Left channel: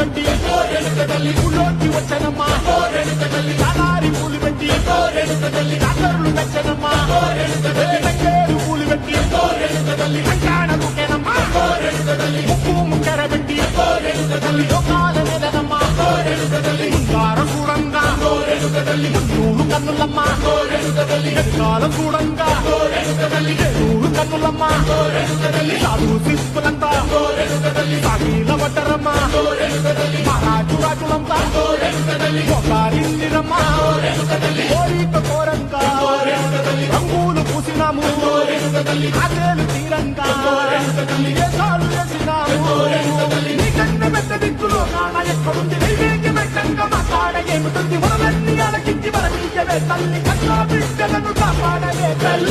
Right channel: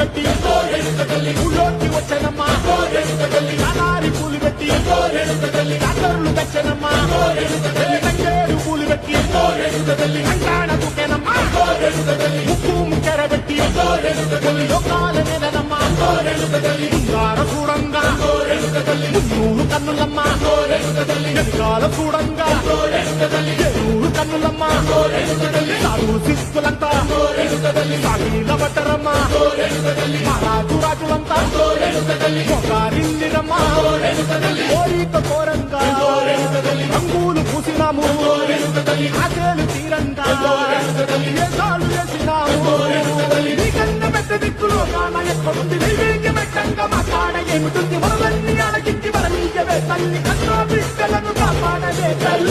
కట్టి ఊళ్ళోకి వచ్చానమ్మా చాలారి పూలు పెట్టి జాతరులు తెచ్చానమ్మా తంగేడు పూలు పెట్టి కంకాణ దూకేనమ్మా ముక్కు ముక్కెర పెట్టి ముల్లోకాల మీదనమ్మా ముందార చూడంగా మున్నూరు కన్నులమ్మా వెనుకాల చూడంగా ఏనూరు కన్నులమ్మా సాధు శిస్తులంతా సాగిల పట్టరమ్మా మహారాజు రాజులంతా మొగారిల్లిరమ్మా కోరిక కోరంగా రంగులు పూసినాము ఆశలు తీరంగా ఏసాలు వేసినాము నీకన్నా పెద్ద దిక్కులో కాన ఎక్కడుంది నైవేద్యమెట్టంగా మా కాడ ఏమిటుంది మనలన్నీ అలకించి మన నీయవే తల్లి కన్నా బిడ్డలను కాపాడలే తల్లి